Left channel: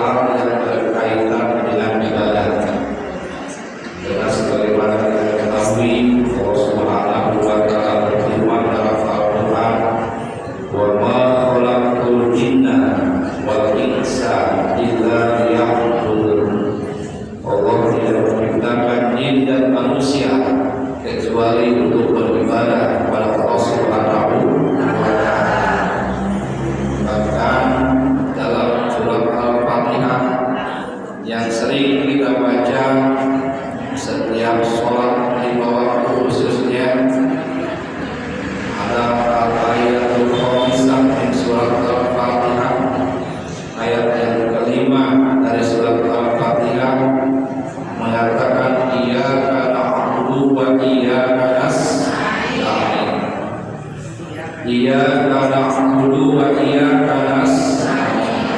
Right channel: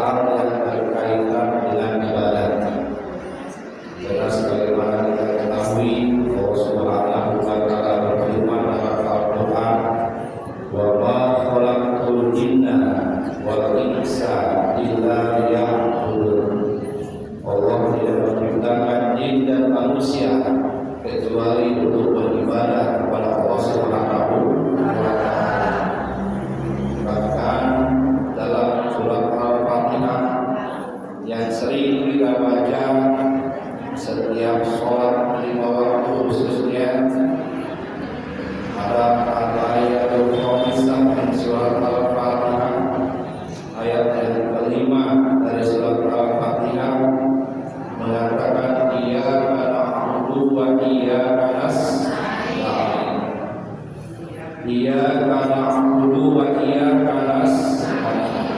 hal yang berkaitan dengan ibadah. Karena sebagaimana kita ketahui, Allah Subhanahu wa Ta'ala berfirman dalam Al-Quran, "Wa ma khalaqtul jinna wal insa illa liya'budun." Allah tidak menciptakan jin dan manusia kecuali untuk beribadah kepada Allah Subhanahu wa Ta'ala. Bahkan dalam surat Al-Fatihah yang sering kita baca setiap sholat 5 waktu khususnya, ada al-ayatul khamisah min surat Al-Fatihah, ayat yang kelima dari surat Al-Fatihah mengatakan iyyaka na'budu wa iyyaka nasta'in. Iyyaka na'budu wa iyyaka nasta'in.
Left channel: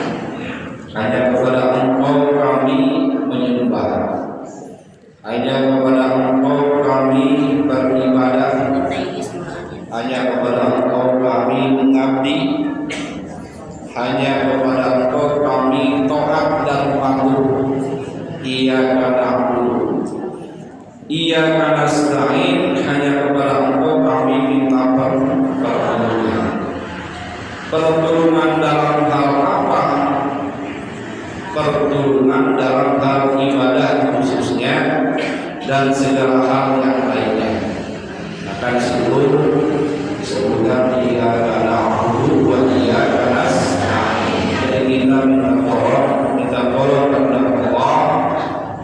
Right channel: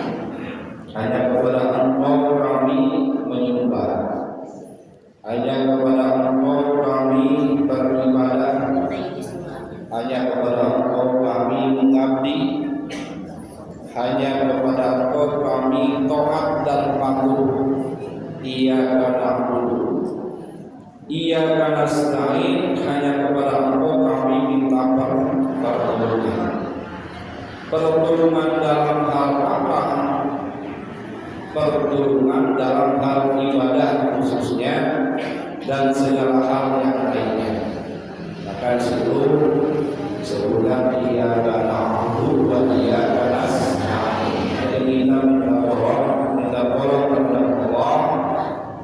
Hanya kepada Engkau kami menyembah, hanya kepada Engkau kami beribadah, hanya kepada Engkau kami mengabdi, hanya kepada Engkau kami taat dan patuh. Iyyaka na'budu, iyyaka nasta'in, hanya kepada Engkau kami minta pertolongan. Pertolongan dalam hal apa? Pertolongan dalam hal ibadah khususnya dan segala hal yang lainnya. Maka disitu disebutkan iyyaka na'budu wa iyyaka nasta'in. Jadi kita minta tolong kepada Allah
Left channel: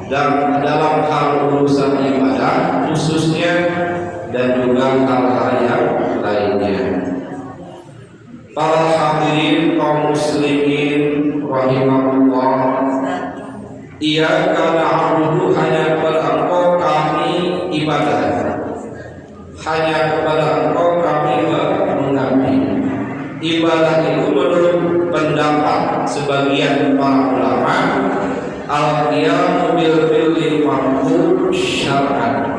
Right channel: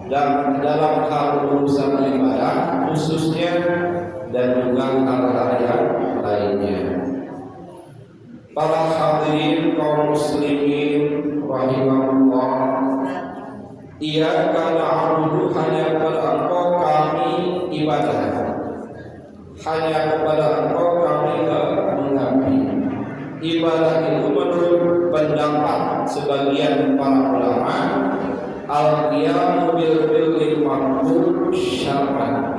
dan dalam hal urusan ibadah khususnya dan juga hal-hal yang lainnya. Para hadirin kaum muslimin rahimahullah, iyyaka na'budu, hanya kepada Engkau kami ibadah, hanya kepada Engkau kami mengabdi. Ibadah itu menurut pendapat sebagian para ulama, al-qiyamu bil fi'li ma'mur syar'an,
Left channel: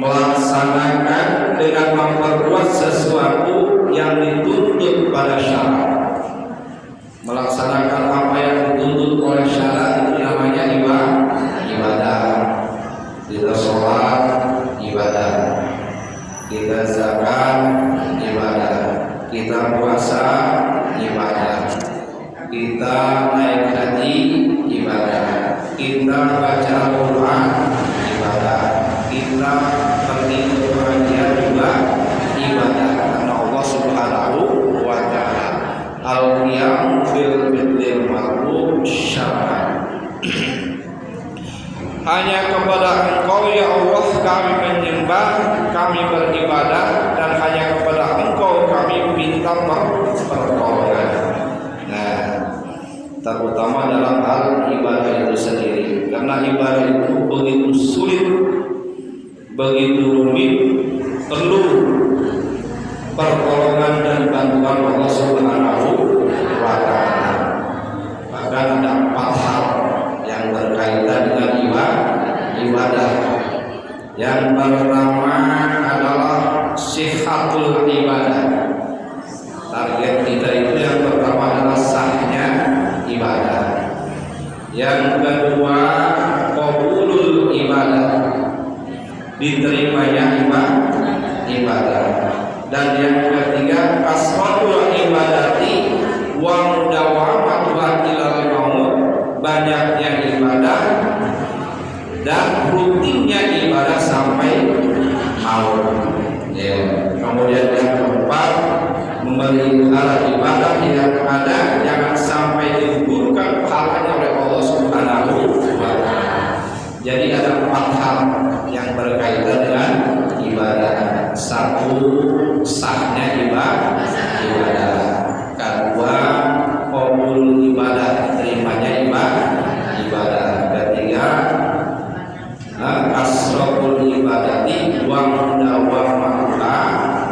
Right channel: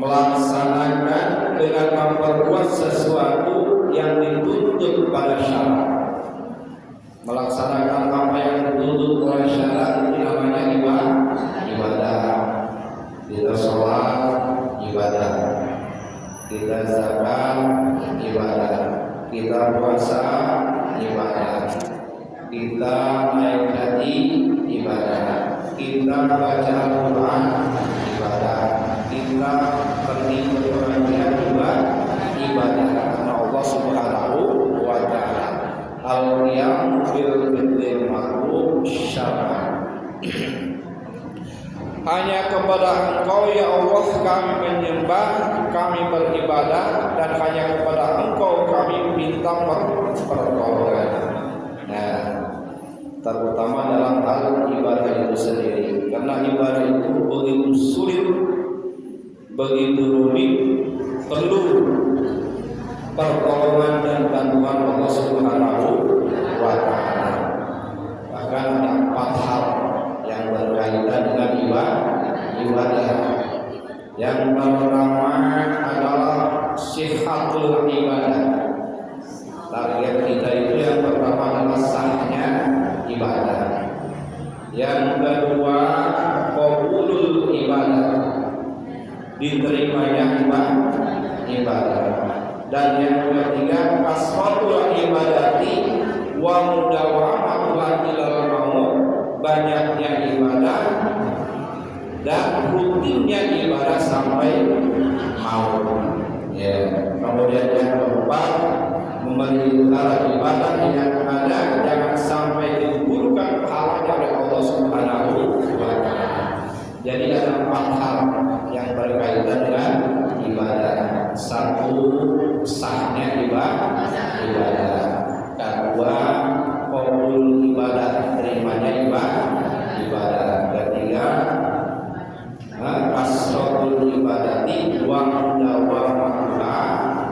melaksanakan dengan memperbuat sesuatu yang dituntut pada syarat. Melaksanakan apa yang dituntut oleh syarat itu namanya ibadah. Kita sholat ibadah, kita zakat ibadah, kita puasa ibadah, kita naik haji ibadah, kita baca Al-Quran ibadah, kita pergi ke pengajian juga ibadah. Karena Allah Subhanahu wa Ta'ala al-qiyam fil bil ma'ruf syar'an. Hanya kepada Engkau ya Allah kami menyembah, kami beribadah, dan hanya kepada Engkau kami minta pertolongan. Nah, terutama dalam hal ibadah itu sendiri, karena ibadah itu begitu sulit, begitu rumit, perlu pertolongan dan bantuan Allah Subhanahu wa Ta'ala. Bahkan ada 4 hal yang berkaitan dengan ibadah. Yang pertama adalah sihhatul ibadah. Target kita itu yang pertama adalah sahnya ibadah. Yang kedua qabulul ibadah, diterimanya ibadah. Dan yang ketiga kasratul ibadati wa mudawamatuha ilal maut, banyaknya ibadah dan rutinnya ibadah sampai maut. Ya. Kemudian yang keempat, memelihara ibadah yang ada jangan sampai digugurkan pahalanya oleh Allah Subhanahu wa Ta'ala. Jadi ada 4 hal yang berkaitan dengan ibadah. 1, sahnya ibadah. Kedua, qabul ibadah, terimanya ibadah. Ketiga, kasratul ibadati wa mudawamatuha,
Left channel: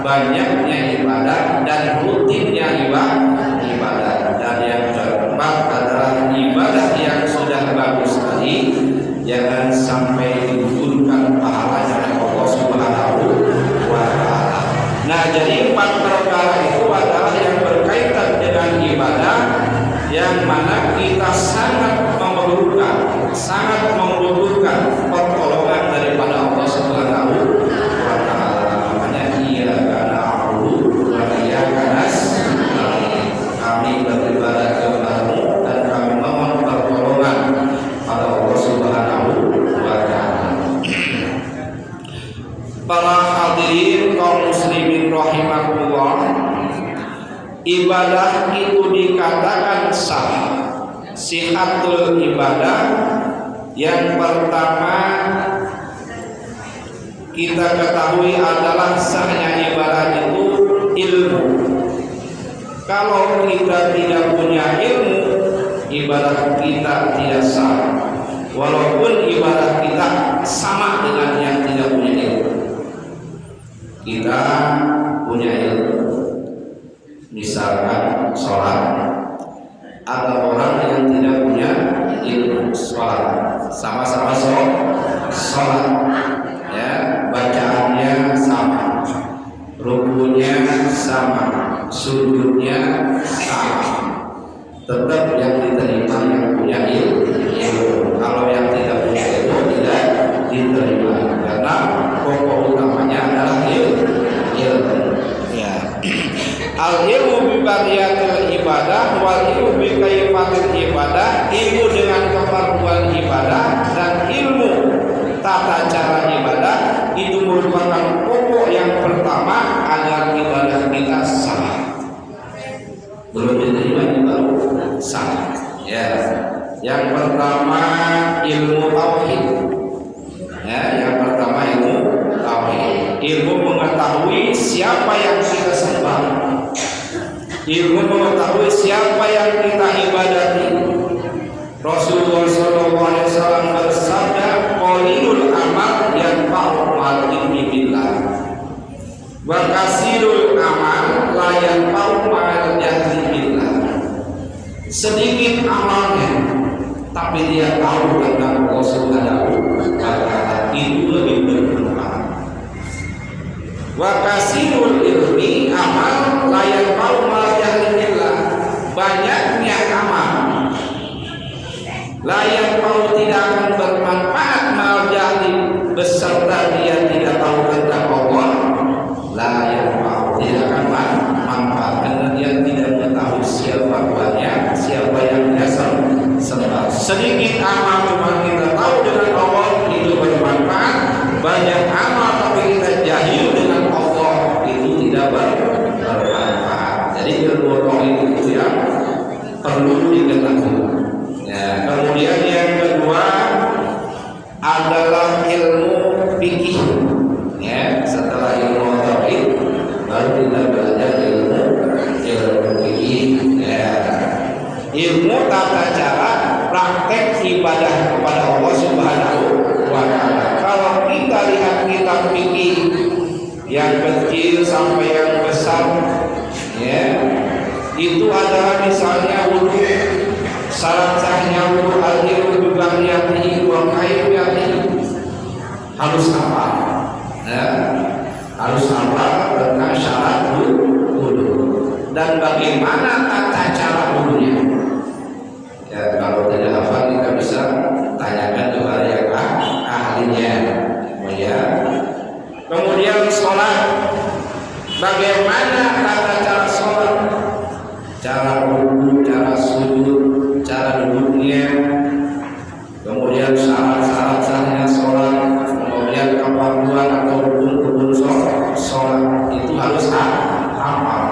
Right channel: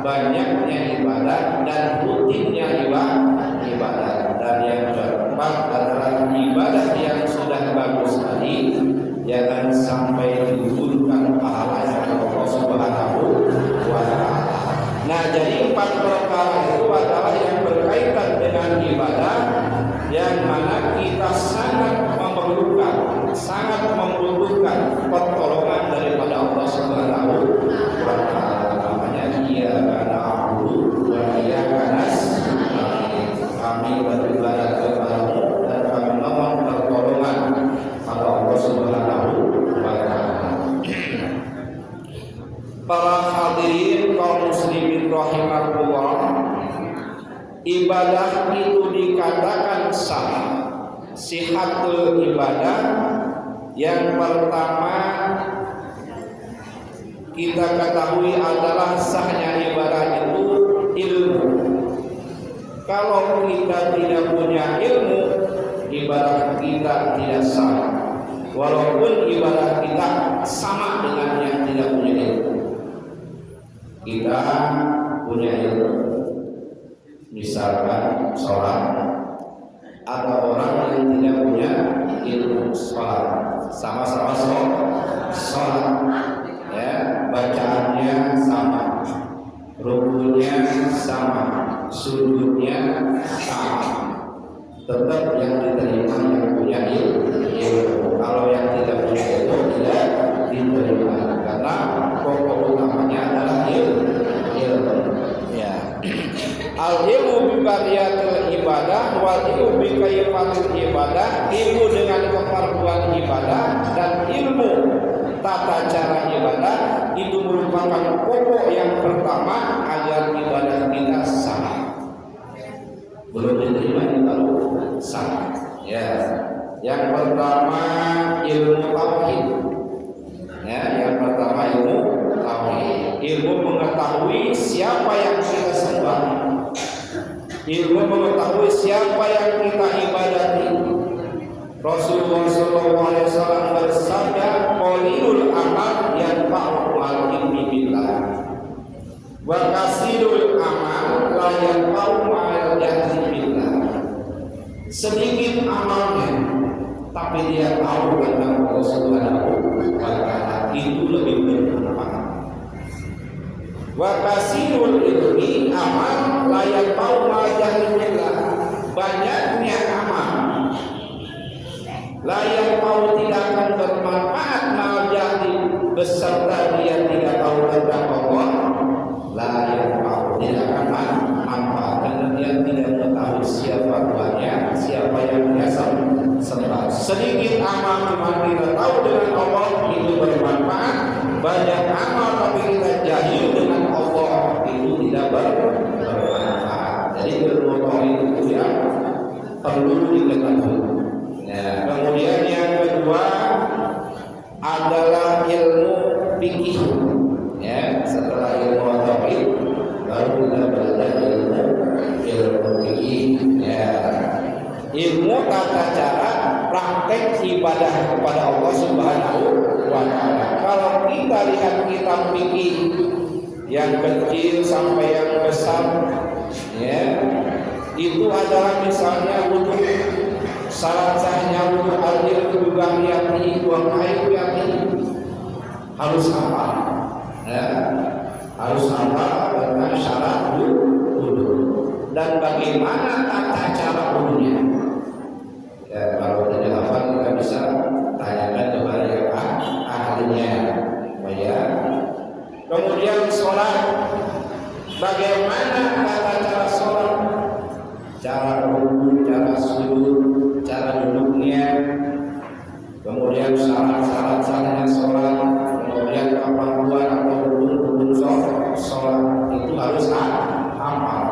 banyaknya ibadah dan rutinnya ibadah. Dan yang keempat adalah ibadah yang sudah bagus tadi jangan sampai digugurkan pahalanya oleh Allah Subhanahu wa Ta'ala. Nah, jadi 4 ibadah itu dikatakan sah. Sihatul ibadah yang pertama kita ketahui adalah sahnya ibadah itu ilmu. Kalau kita tidak punya ilmu, ibadah kita tidak sah. Walaupun ibadah kita sama dengan yang tidak punya ilmu. Kita punya ilmu, misalkan sholat, ada orang yang tidak punya ilmu sholat, sama-sama sholat, ya, bacaannya sama, rukunya sama, sujudnya sama, tetap yang diterima yang punya ilmu. Kalau yang tidak punya ilmu tidak diterima, karena pokok utamanya adalah ilmu. Al-ilmu bi bariyatil ibadah wal ilmu bi kaifatil ibadah, ilmu dengan keperluan ibadah dan ilmu tata cara ibadah itu merupakan pokok yang pertama agar ibadah kita sah. Belum diterima baru sah. Ya. Yang pertama ilmu tauhid. Ya, yang pertama ilmu tauhid. Ilmu mengetahui siapa yang kita sembah. Ilmu mengetahui siapa yang kita ibadati. Rasulullah SAW bersabda, qalilul amal yanfa'u al-ilmi billah, wa kasirul amal la yanfa'u ma'al jahli billah. Sedikit amalnya, tapi dia tahu tentang Allah Subhanahu wa ta'ala, itu lebih bermanfaat. Wa kasirul ilmi amal la yanfa'u ma'al jahli billah. Banyaknya amal la yanfa'u tidak akan bermanfaat ma'al jahli beserta dia tidak tahu tentang Allah. La yanfa'u tidak akan manfaat karena dia tidak mengetahui siapa Tuhannya, siapa yang dia sembah. Sedikit amal cuma kita tahu dengan Allah itu bermanfaat. Banyak amal tapi kita jahil dengan Allah itu tidak bermanfaat. Jadi kedua poin itu yang perlu diketahui. Ya, kemudian yang kedua adalah ilmu fikih. Ya, setelah ilmu tauhid baru kita belajar ilmu fikih. Ya, ilmu tata cara praktek ibadah kepada Allah Subhanahu wa ta'ala. Kalau kita lihat kitab fikih yang kecil sampai yang besar, ya, itu adalah misalnya wudu, syarat sahnya wudu, al-ilmu bi bariyatihi wa kaifiyatihi, harus apa? Ya, harus apa tentang syarat wudu dan bagaimana tata cara wudunya. Ya, kalau tidak hafal kita bisa tanyakan kepada yang ahlinya. Ya. Kemudian sholat, bagaimana tata cara sholat, cara wudu, cara sujud, cara duduknya, kemudian syarat-syarat sahnya sholat, kemudian kepatuhan atau rukun sholat itu harus hafal.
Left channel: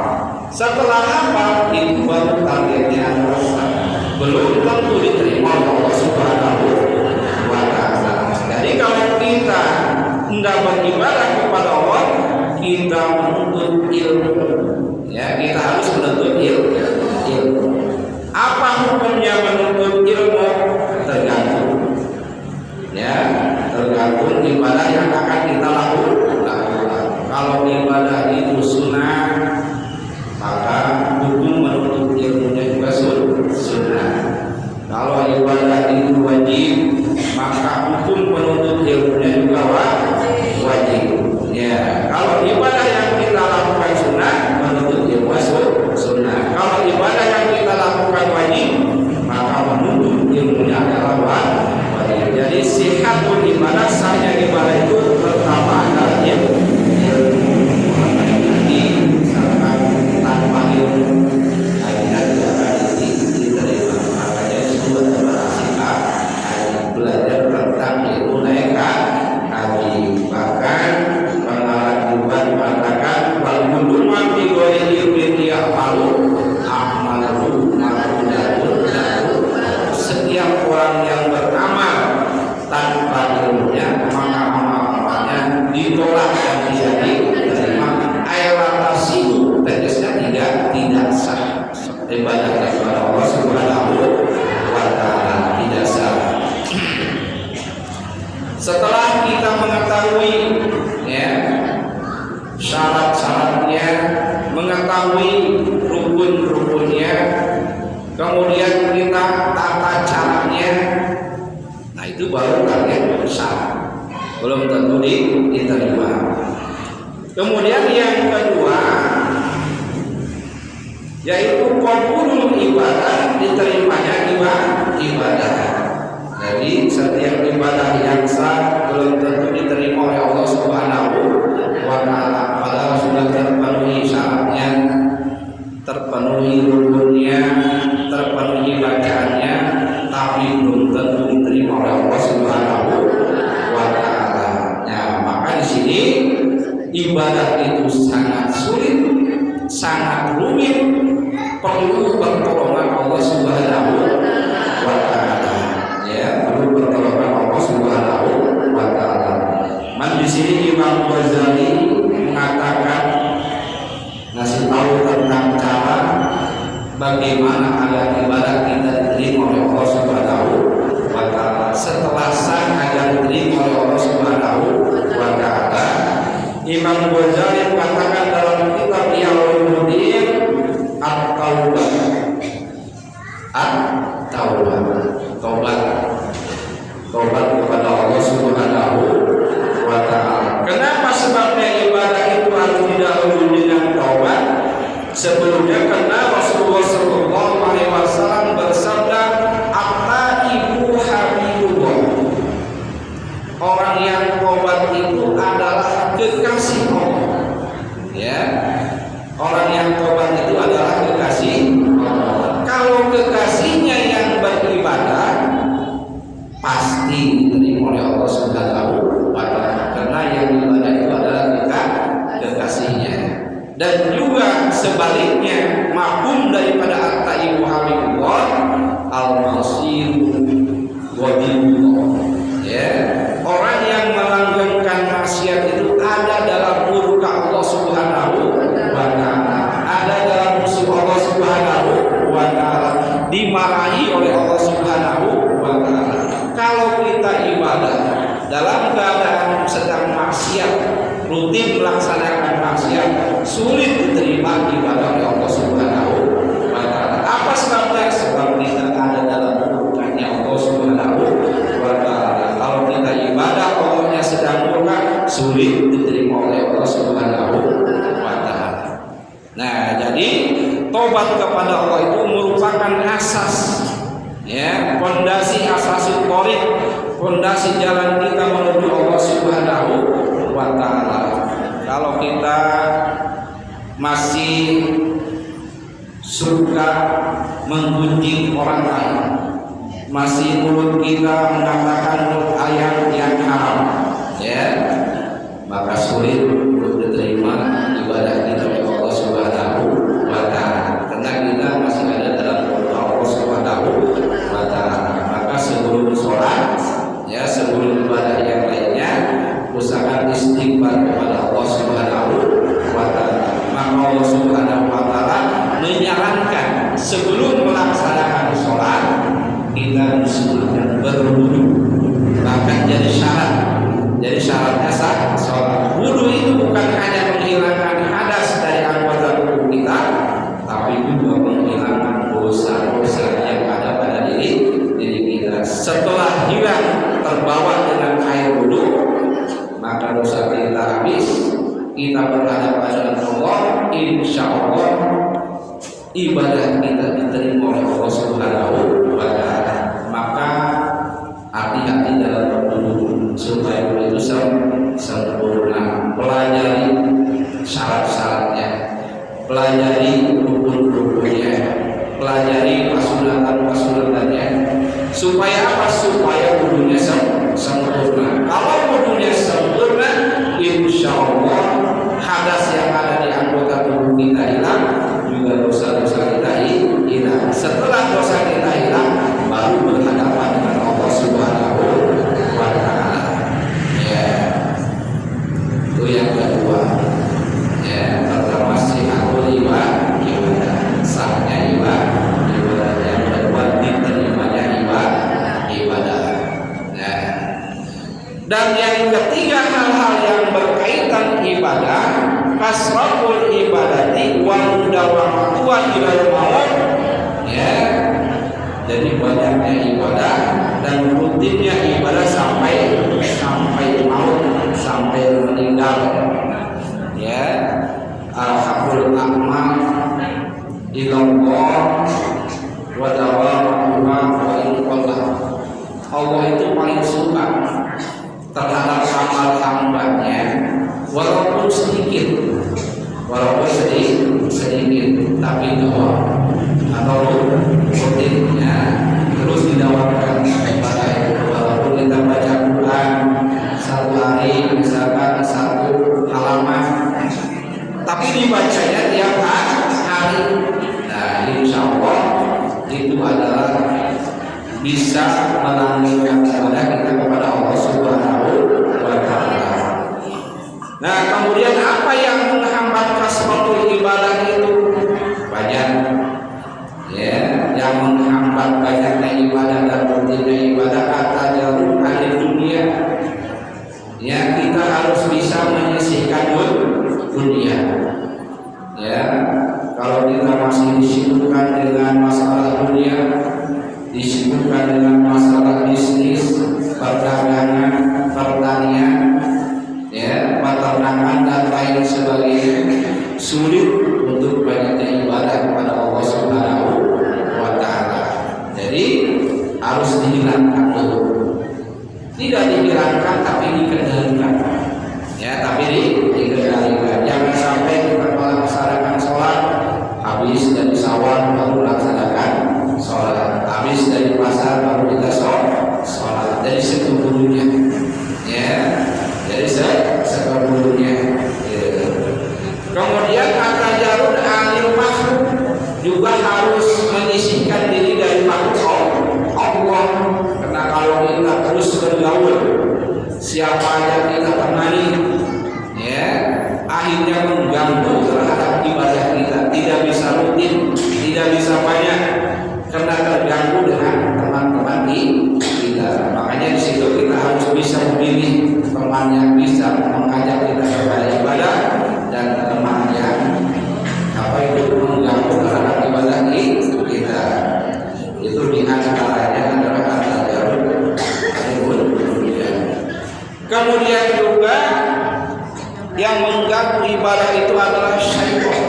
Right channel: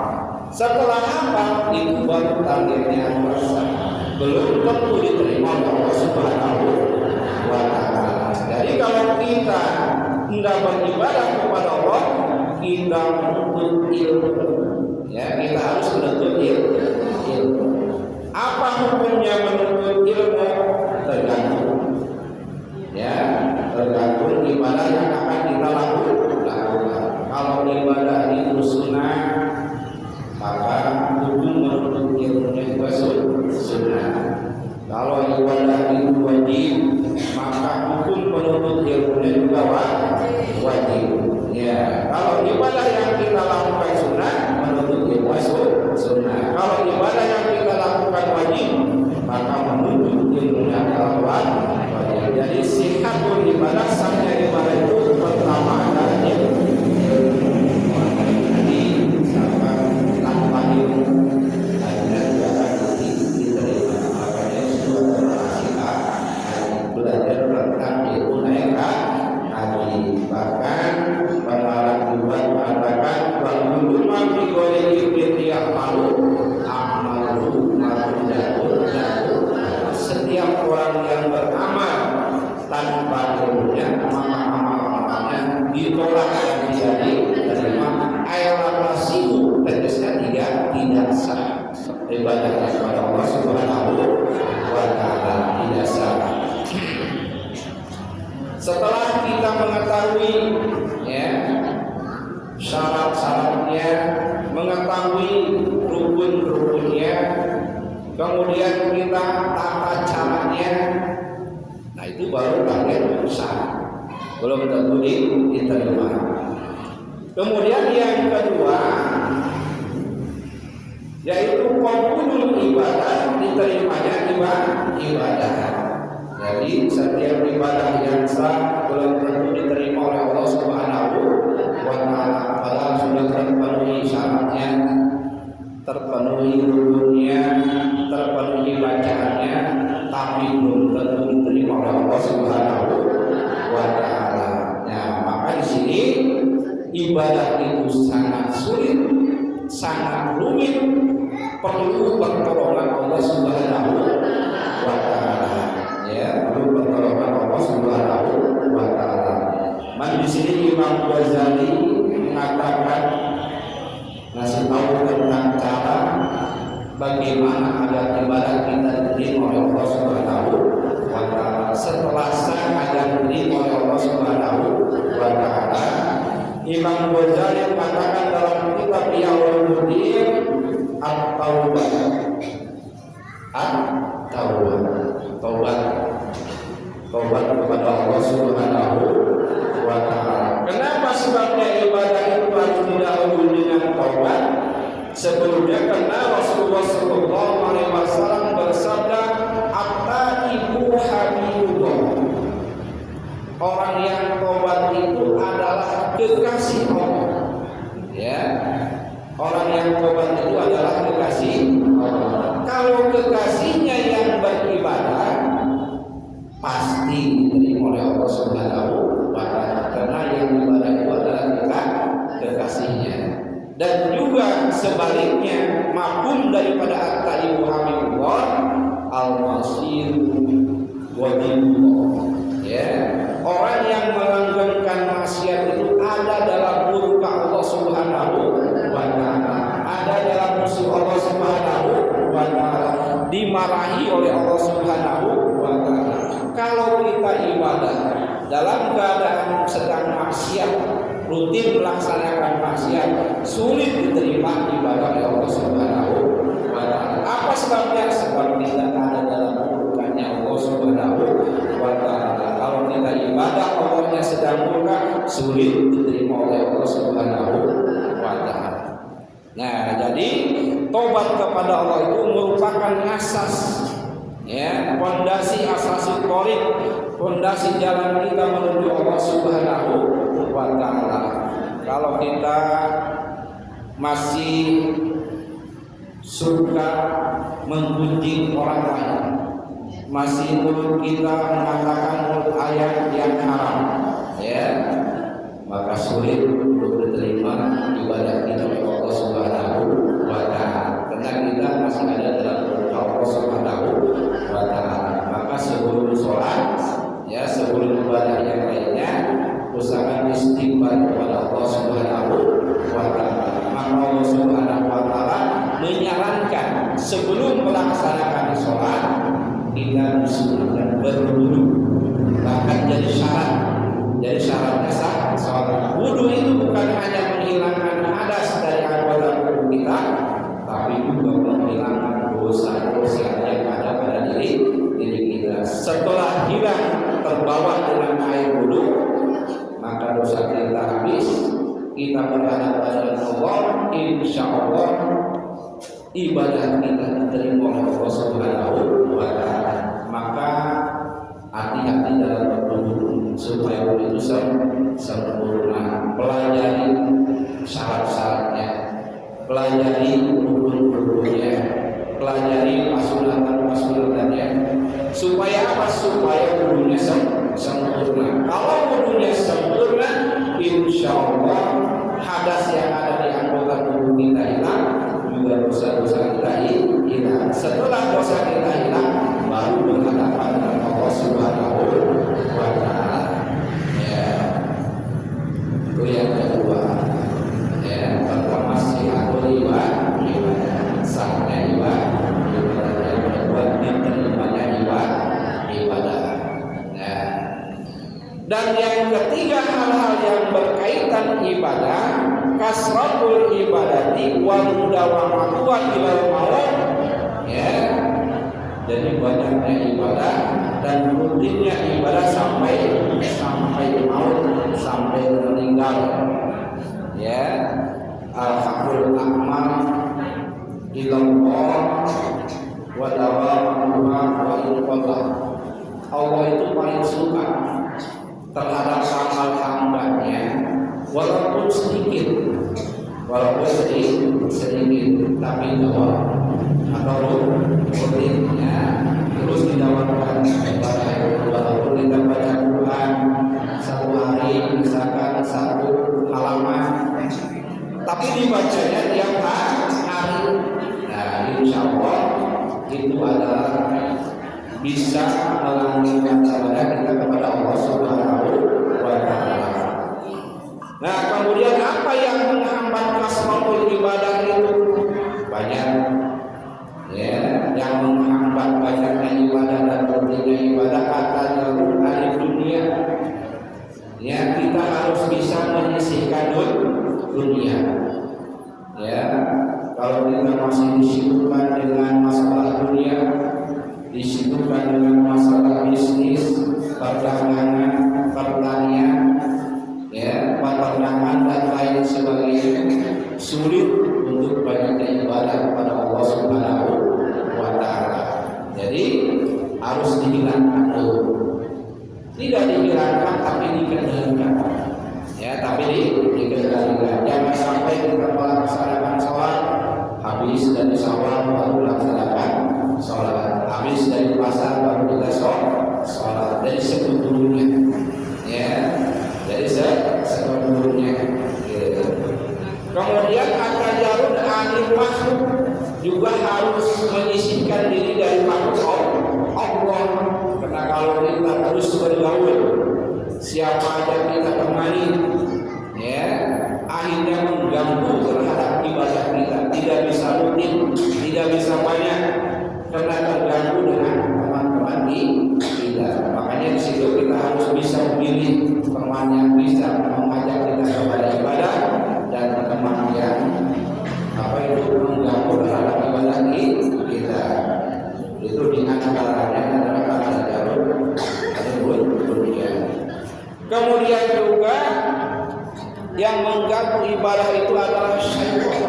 Setelah hafal itu baru targetnya adalah sholat. Belum tentu diterima oleh Allah Subhanahu wa ta'ala. Jadi kalau kita tidak beribadah kepada Allah, kita menuntut ilmu. Ya, kita harus menuntut ilmu. Apa hukumnya menuntut ilmu? Tergantung. Ya, Jadi setiap ibadah yang sah belum tentu diterima oleh Allah Subhanahu wa taala. Padahal sudah terpenuhi syaratnya, terpenuhi rukunnya, terpenuhi bacaannya, tapi belum tentu diterima oleh Allah Subhanahu wa taala. Ya, maka di sini ibadah itu sangat sulit, sangat rumit, perlu pertolongan Allah Subhanahu wa taala. Ya, perlu pertolongan Allah Subhanahu wa taala. Man di sini Imam Ghazali mengatakan, ngasih tahu tentang cara bagaimana agar ibadah kita diterima oleh Allah Subhanahu wa taala. Setelah sah agar diterima oleh Allah Subhanahu wa taala, Imam Ghazali mengatakan dalam kitab Al-Mudir at-taubah. At-taubah, taubat kepada Allah Subhanahu wa taala. Kenapa sebabnya ibadah itu harus didahului dengan taubat? Sebelumnya karena Rasulullah sallallahu alaihi wasallam bersabda, "At-taibu habibullah." Orang yang taubat itu adalah kekasih Allah. Ya. Orang yang taubat itu adalah kekasih Allah. Kalau kekasihnya yang beribadah, pasti diterima oleh Allah Subhanahu wa taala, karena yang ibadah itu adalah kekasihnya. Dan juga sebaliknya, mafhum daripada at-taibu habibullah, al-masir wadibullah. Ya, orang yang melanggengkan maksiat itu ada dalam murka Allah Subhanahu wa taala, ada dalam musuh Allah Subhanahu wa taala, dimarahi oleh Allah Subhanahu wa taala. Kalau kita ibadah dalam keadaan sedang maksiat, rutin melaksanakan maksiat, sulit diterima ibadah oleh Allah Subhanahu wa taala. Apa sebabnya? Sebab kita ada dalam murkanya Allah Subhanahu wa taala. Kalau kita ibadah Allahnya sedang murka, sulit diterima oleh Allah Subhanahu wa taala. Nah, jadi tobat kepada Allah itu merupakan asas, ya, fondasi asasul thoriq, fondasi jalan kita menuju Allah Subhanahu wa taala. Kalau kita masih suka menggunjing orang lain, masih mulut kita mengatakan ayat yang haram, ya, maka sulit untuk diterima ibadah kita oleh Allah Subhanahu wa taala, karena kita masih ada dalam murka Allah Subhanahu wa taala. Maka sebelum sholat, ya, sebelum ibadah yang lainnya, usahakan istighfar kepada Allah Subhanahu wa taala. Maka Allah Subhanahu wa taala menyarankan sebelum melaksanakan sholat kita disunahkan berwudu, bahkan jadi syarat. Jadi syaratnya sah sholat. Wudu itu bukan hanya menghilangkan hadas dari anggota tubuh kita, tapi juga menghilangkan dosa-dosa yang ada pada diri kita. Setelah hilang terbawa dengan air wudu, maka dosa kita habis, kita berhadapan dengan Allah, insya Allah ibadah kita diterima oleh Allah Subhanahu wa taala. Maka hati-hati dalam berwudu supaya wudu itu sempurna. Pelajari syarat-syaratnya, pelajari rukun-rukunnya, pelajari pasunatan-pasunatannya. Supaya apa? Supaya wudunya sempurna. Kalau wudunya sempurna, insya Allah hadas yang ada di anggota tubuh kita hilang, juga dosa-dosa kita hilang. Setelah dosa kita hilang, baru berhadapan dengan Allah Subhanahu wa taala. Ya, itu yang kedua. Ya, pertama sihatul ibadah, sahnya ibadah. Yang kedua diterimanya ibadah. Ya. Dan yang ketiga, hal-hal yang berkaitan ibadah, kasratul ibadati wal mudawamatu ilal maut. Ya. Jadi banyaknya ibadah dan rutinnya ibadah sampai maut, sampai meninggal. Ya. Al-haqqul a'mal ilallah wa dawamatuha wa ilallah. Allah itu bisa melanggengkan ibadah kita kepada Allah Subhanahu wa taala. Nah, kemudian apa yang menghambat kasratul ibadah itu? Banyak. Ya, yang menghambat banyaknya ibadah dan rutinnya ibadah kata jauh ahli dunia. Ya, kita harus bisa menyisihkan dunia. Ya, kalau kita masih disibukkan dengan masalah dunia, disibukkan dengan masalah bisnis, perdagangan, pertanian, ya, peternakan dan lain sebagainya, sulit untuk banyaknya ibadah kepada Allah Subhanahu wa taala. Jadi harus dihilangkan dulu. Tidak dihilangkan tapi dikendalikan. Ya, tapi dikendalikan. Jangan sampai kita melaksanakan sholat, habis dari sawah baru melaksanakan sholat, habis dari pasar baru kita sholat. Jadi sekebulunya. Ya, jadi sekebulunya. Kemudian kata jarud anil makhluk juga harus menyisihkan diri dari makhluk Allah. Karena kalau kita terus bergaul, siapa aja kita temani, ya, akhirnya mengganggu terhadap ibadah kita. Tidak bisa rutin, tidak bisa banyak, karena terganggu dengan teman-teman kita. Makanya di situ kita harus bisa memilih teman yang bisa mengajak kita kepada ibadah dan teman yang mengganggu terhadap ibadah kita. Itu di antaranya adalah kata jarud. Kemudian juga yang mengganggu ibadah itu adalah syaitan.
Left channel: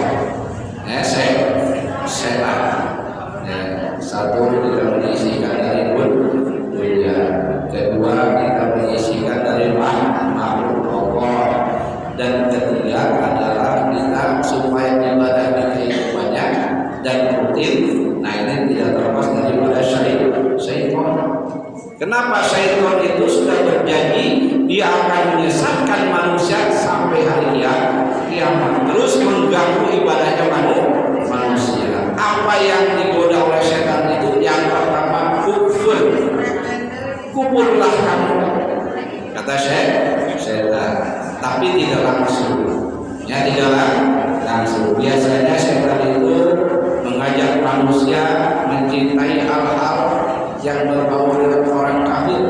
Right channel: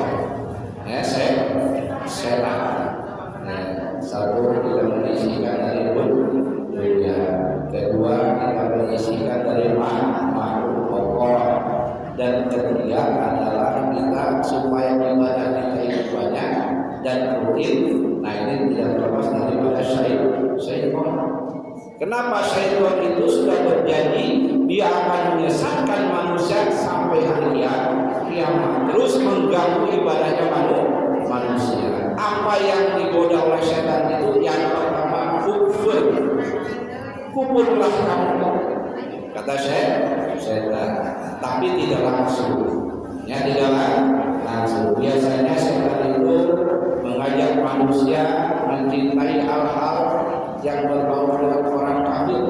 Ya, setan. Ya, satu kita menyisihkan dari dunia. Kedua kita menyisihkan dari makhluk Allah. Dan ketiga adalah kita supaya ibadah kita itu banyak dan rutin. Nah, ini tidak terlepas daripada syaitan. Kenapa syaitan itu sudah berjanji dia akan menyesatkan manusia sampai hari kiamat, terus mengganggu ibadahnya manusia. Apa yang digoda oleh syaitan itu? Yang pertama, kufurlah kamu, kata syaitan, tapi tidak langsung. Ya, tidak langsung. Biasanya syaitan itu mengajak manusia mencintai hal-hal yang berbau dengan orang kafir,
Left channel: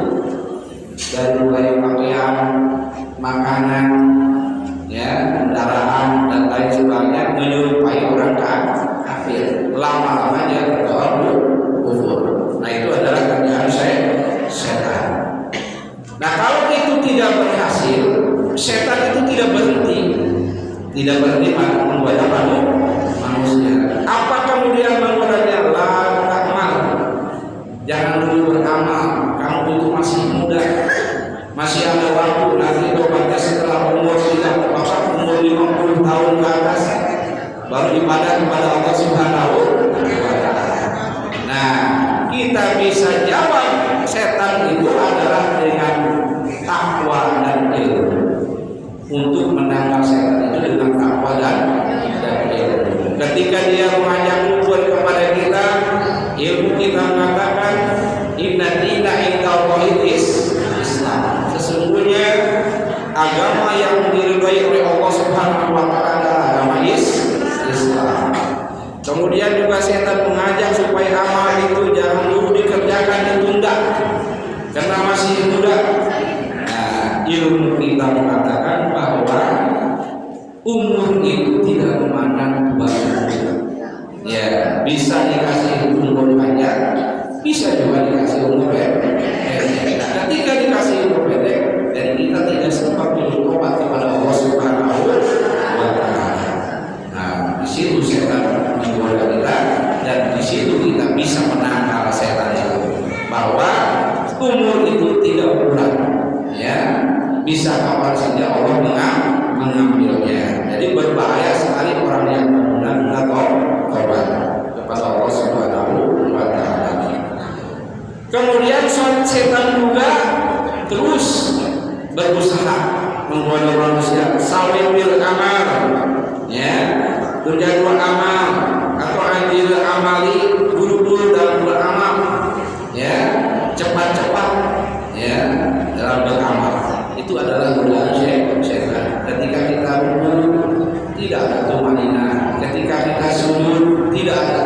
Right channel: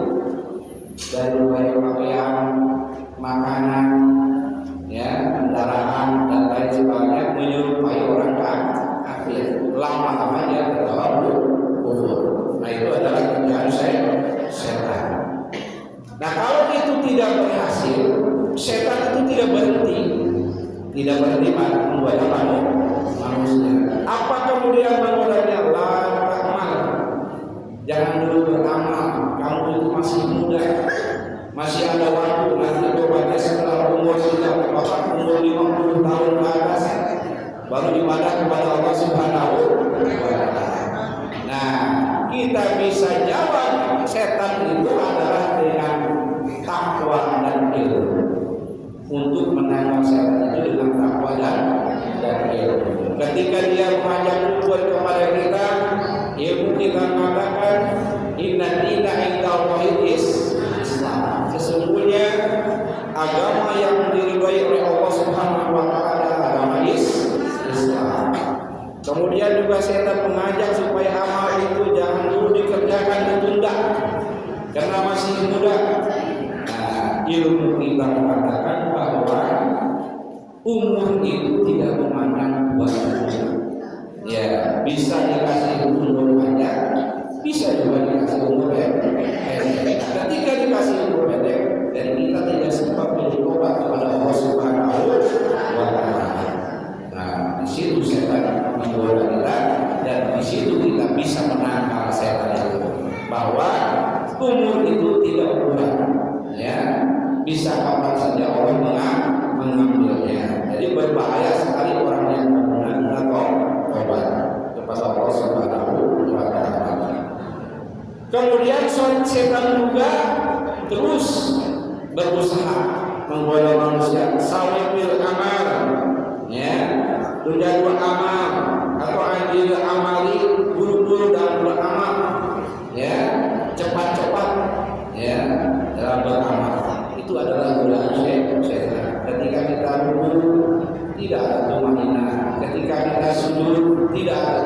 dan mulai pakaian, makanan, ya, kendaraan dan lain sebagainya menyerupai orang kafir. Lama-lama dia terbawa kufur. Nah, itu adalah kerjaan setan. Nah, kalau itu tidak berhasil, setan itu tidak berhenti menggoda manusia. Apa kemudian menggodanya? La takmal, jangan dulu beramal, kamu itu masih muda, masih ada waktu, nanti tobatnya setelah umur 50 tahun ke atas, baru ibadah kepada Allah Subhanahu wa taala. Nah, kita bisa jawab setan itu adalah dengan takwa dan ilmu. Untuk menangkal setan itu dengan takwa dan ilmu. Ketika dia mengajak kumpul kepada kita, ilmu kita mengatakan inna dina indallahi Islam. Sesungguhnya agama yang diridhoi oleh Allah Subhanahu wa taala adalah agama Islam. Kemudian juga setan mengajak supaya amal itu jangan dulu dikerjakan, ditunda karena masih muda. Nah, ilmu kita mengatakan bahwa umur itu tidak memandang dua umur. Ya, bisa dikasih umur panjang, bisa juga dikasih umur pendek. Ketika dikasih umur pendek, dan kita tidak sempat bertobat kepada Allah Subhanahu wa taala. Nah, di situ setan menggoda kita, dan di situ kita bisa menangkal setan itu. Bahwa umur itu tidak bulan, ya, bisa kapan saja Allah mengambilnya. Jadi berbahaya sekali orang yang benar-benar tobat kepada Allah Subhanahu wa taala. Kemudian setan juga terus berusaha menggoda manusia. Sawil amal, ya, tujuan amal atau anjil amali, buru-buru dalam beramal, ya. cepat-cepat ya dalam beramal. Itu adalah godaan syaitan. Ketika kita rukuk tidak ada tumanina, ketika kita sujud tidak ada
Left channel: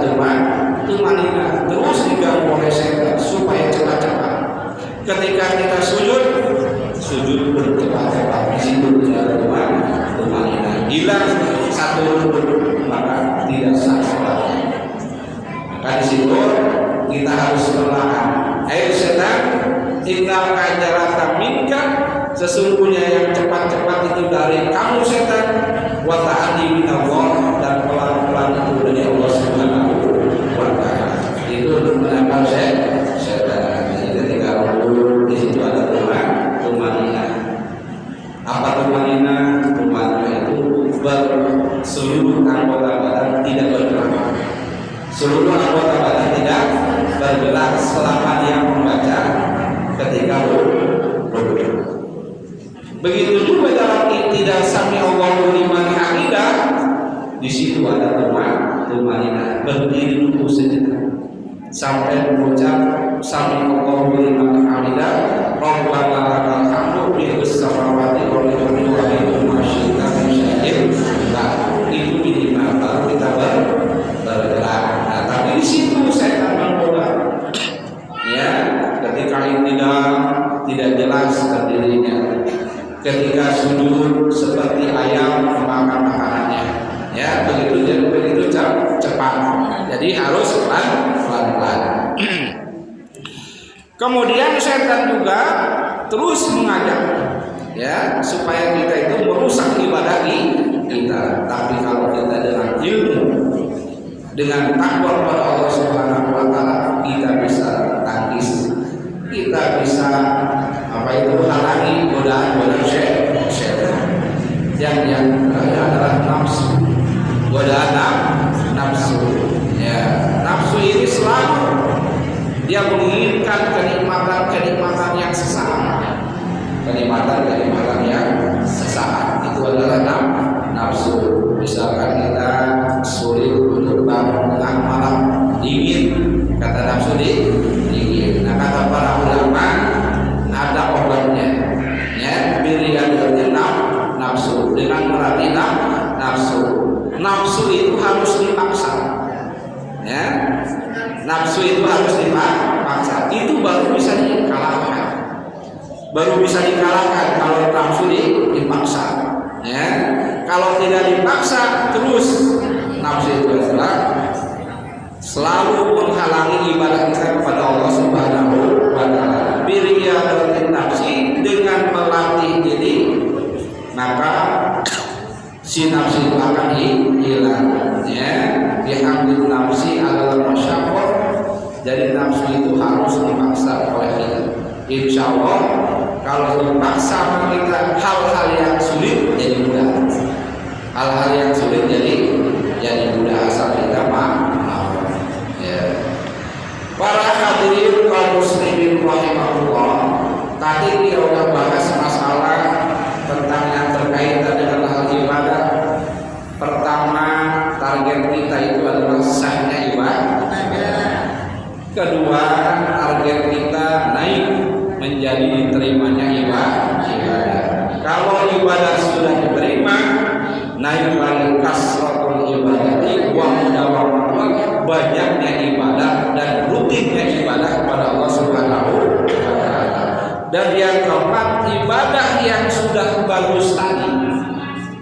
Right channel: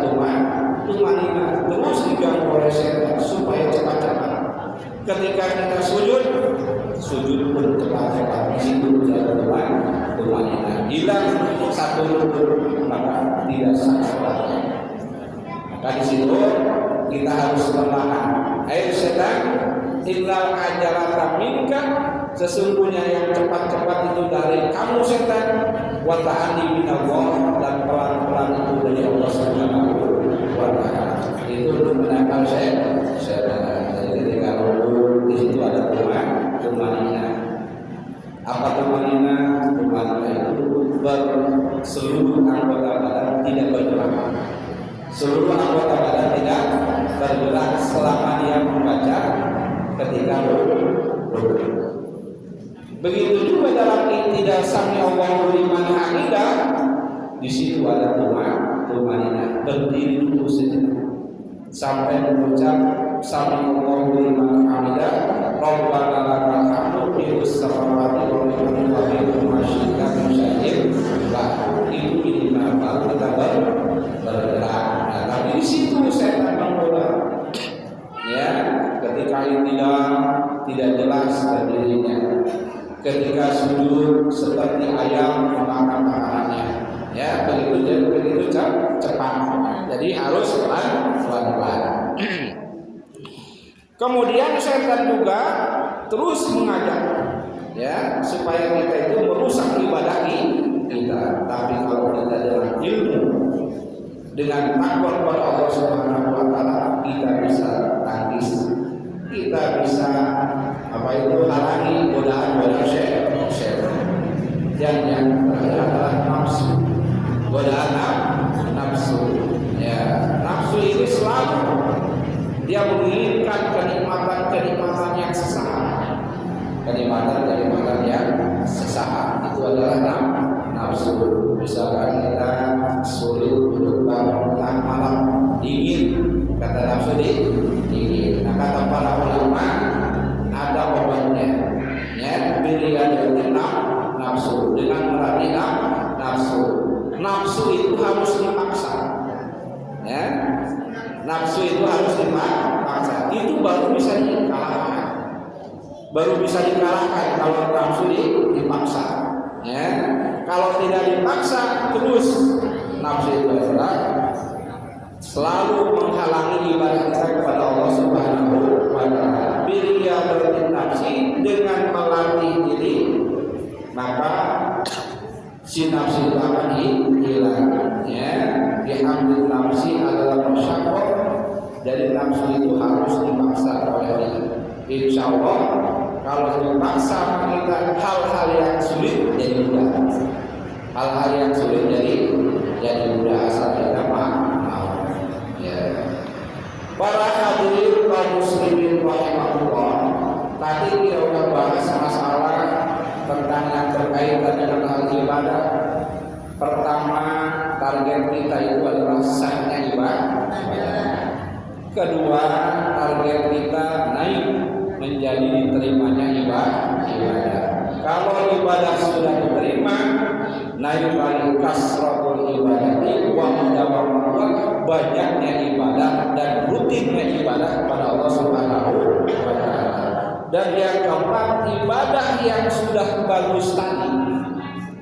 tumanina, terus diganggu oleh syaitan supaya cepat-cepat. Ketika kita sujud bercepat-cepat, di situ tidak ada tumanina. Hilang satu rukun maka tidak sah salatnya. Maka di situ kita harus perlahan. Setan, tinggalkan jarak minka. Sesungguhnya yang cepat-cepat itu dari kamu setan, wa ta'ati minallah, dan pelan-pelan itu dari Allah Subhanahu wa ta'ala. Itu menangkap setan. Jadi ketika rukuk di situ ada tumanina. Apa tumanina? Tumanina itu seluruh anggota badan tidak bergerak. Seluruh anggota badan tidak bergerak selama dia membaca ketika rukuk. Begitu juga dalam tidak sami Allahu liman hamidah, di situ ada tumanina, berdiri dulu sejenak sampai mengucap sami Allahu liman hamidah, Rabbana lakal hamdu fis samawati wal ardi wa baina ma syi'ta min syai'in. Itu minimal baru kita bergerak. Nah, tapi di situ saya mengubah. Ya, ketika tidak jelas berdirinya. Ketika sujud seperti ayam memakan makanannya, ya begitu cepat. Jadi harus pelan-pelan. Kemudian setan juga terus mengajak, ya supaya kita itu merusak ibadah kita. Tapi kalau kita dengan ilmu, dengan takwa kepada Allah Subhanahu wa ta'ala, kita bisa tangkis, kita bisa halangi godaan syaitan. Yang terakhir adalah nafsu. Godaan nafsu. Ya, nafsu ini selalu dia menginginkan kenikmatan yang sesaat. Kenikmatan yang sesaat itu adalah nafsu. Misalkan kita sulit untuk bangun tengah malam, dingin, kata nafsu dingin. Nah, kata para ulama ada obatnya, ya pilihan dari nafsu dengan melatih nafsu. Nafsu itu harus dipaksa, ya nafsu itu harus dipaksa. Itu baru bisa dikalahkan, kalau nafsu dipaksa, ya kalau tidak dipaksa terus nafsu itu adalah selalu menghalangi ibadah kita kepada Allah Subhanahu wa ta'ala. Biriyadatin nafsi, dengan melatih diri maka si nafsi itu akan hilang, ya bihamdin nafsi ala masyaqqah. Jadi nafsu itu harus dipaksa oleh kita. Insya Allah kalau dipaksa kita hal-hal yang sulit jadi mudah. Hal-hal yang sulit jadi mudah asal kita mau. Ya. Para hadirin kaum muslimin rahimahullah, tadi kita sudah bahas masalah tentang yang berkaitan dengan hal ibadah. Pertama, target kita itu adalah sahnya ibadah. Kedua, target kita naik menjadi diterimanya ibadah. Kalau ibadah sudah diterima, naik lagi kasratul ibadati wa mudawamatul, banyaknya ibadah dan rutinnya ibadah kepada Allah Subhanahu wa ta'ala. Dan yang keempat, ibadah yang sudah bagus tadi,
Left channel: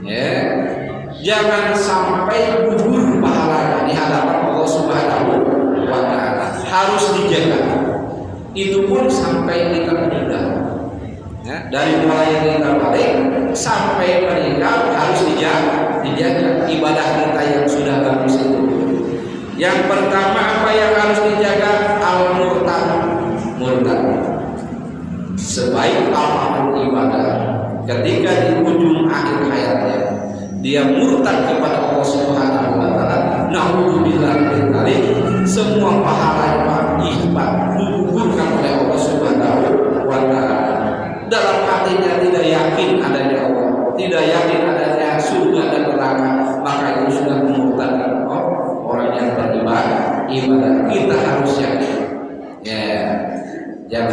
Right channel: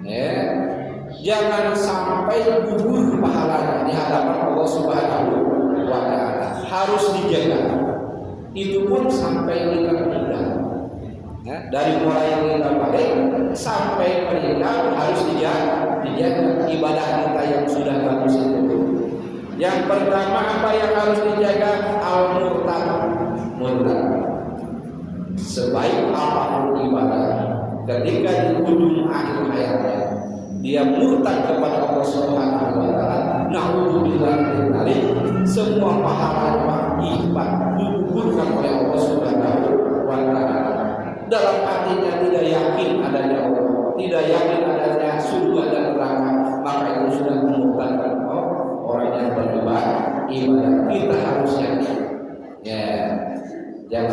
ya jangan sampai gugur pahalanya di hadapan Allah Subhanahu wa ta'ala, harus dijaga. Itu pun sampai kita meninggal, ya, dari mulai kita balik sampai meninggal harus dijaga ibadah kita yang sudah bagus itu. Yang pertama apa yang harus dijaga? Al-murtad. Sebaik apapun ibadah, ketika di ujung akhir hayatnya dia murtad kepada Allah Subhanahu wa ta'ala, na'udzubillah min dzalik, semua pahala ibadah digugurkan oleh Allah Subhanahu wa ta'ala. Dalam hatinya tidak yakin adanya Allah, tidak yakin adanya surga dan neraka, maka itu sudah memurtadkan orang yang beribadah. Kita harus yakin, ya, jangan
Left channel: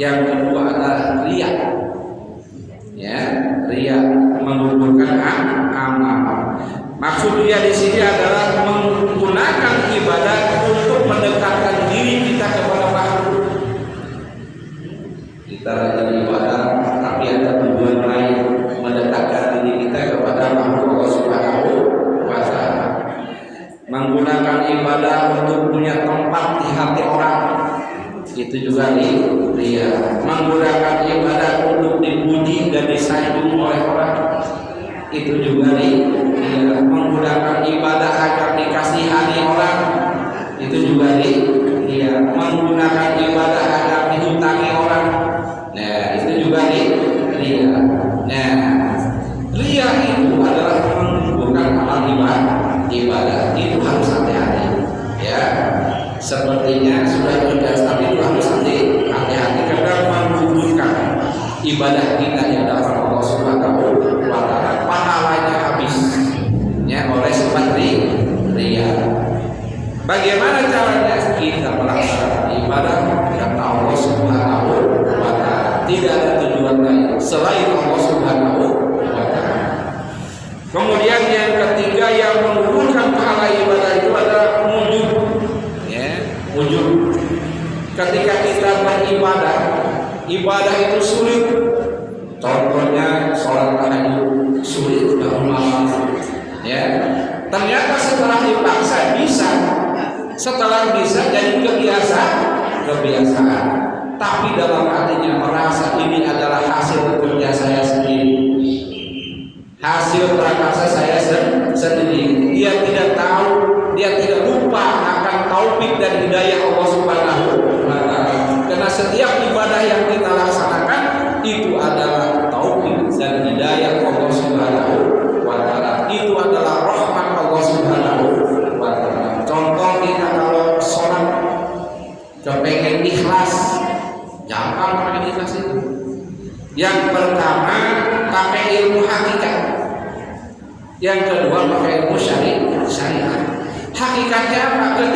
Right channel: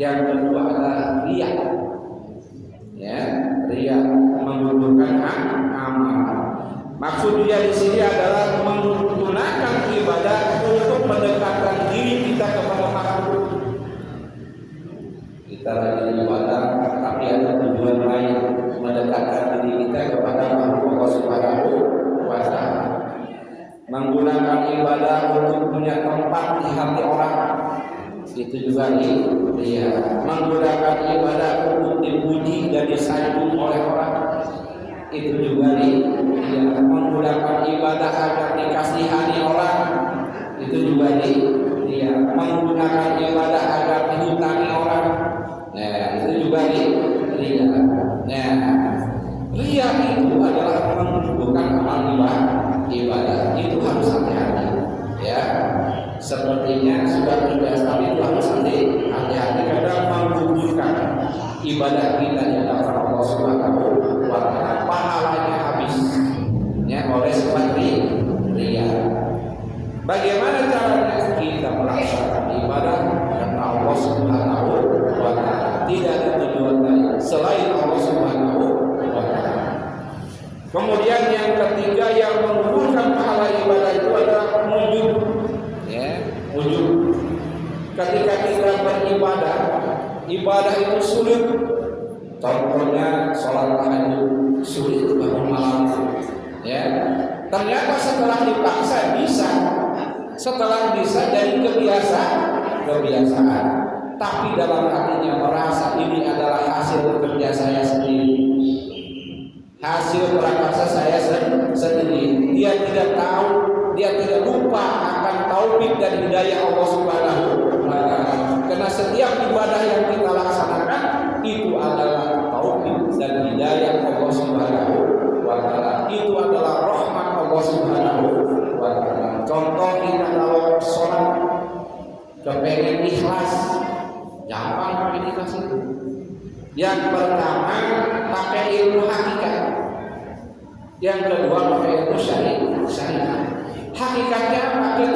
Yang kedua adalah riya. Ya, riya menggugurkan amal. Maksud dia di sini adalah menggunakan ibadah untuk mendekatkan diri kita kepada makhluk. Kita rajin ibadah, tapi ada tujuan lain, mendekatkan diri kita kepada makhluk Allah Subhanahu wa Ta'ala. Menggunakan ibadah untuk punya tempat di hati orang, itu juga riya. Menggunakan ibadah untuk dipuji dan disanjung oleh orang, itu juga riya. Menggunakan ibadah agar dikasihani orang, itu juga riya. Menggunakan ibadah agar dihutangi orang, nah itu juga riya. Nah, riya itu adalah menggugurkan amal ibadah. Itu harus hati-hati. Ya, sepertinya sudah terbiasa, tapi itu harus hati-hati karena menggugurkan ibadah kita di hadapan Allah Subhanahu wa Ta'ala, pahalanya habis ya oleh sebab riya. Bagaimana caranya? Kita melaksanakan ibadah karena Allah Subhanahu wa Ta'ala, tidak ada tujuan lain selain Allah Subhanahu wa Ta'ala. Kemudian yang ketiga yang mengumpulkan pahala ibadah itu adalah wujud. Ya, wujud. Ketika kita beribadah, ibadah itu sulit. Contohnya sholat tahajud sulit bangun malam. Ya, ternyata setelah dipaksa bisa. Setelah bisa jadi kebiasaan. Tapi dalam hatinya merasa ini adalah hasil kerja saya sendiri, hasil prakarsa saya sendiri. Dia tidak tahu, dia tidak lupa akan taufik dan hidayah Allah Subhanahu wa Ta'ala. Karena setiap ibadah yang kita laksanakan itu adalah taufik dan hidayah Allah Subhanahu wa Ta'ala. Itu adalah rahmat Allah Subhanahu wa Ta'ala. Contoh kita kalau sholat kepengen ikhlas, gampang pakai ikhlas itu. Yang pertama pakai ilmu hakikat, yang kedua pakai ilmu syariat. Hakikatnya apa?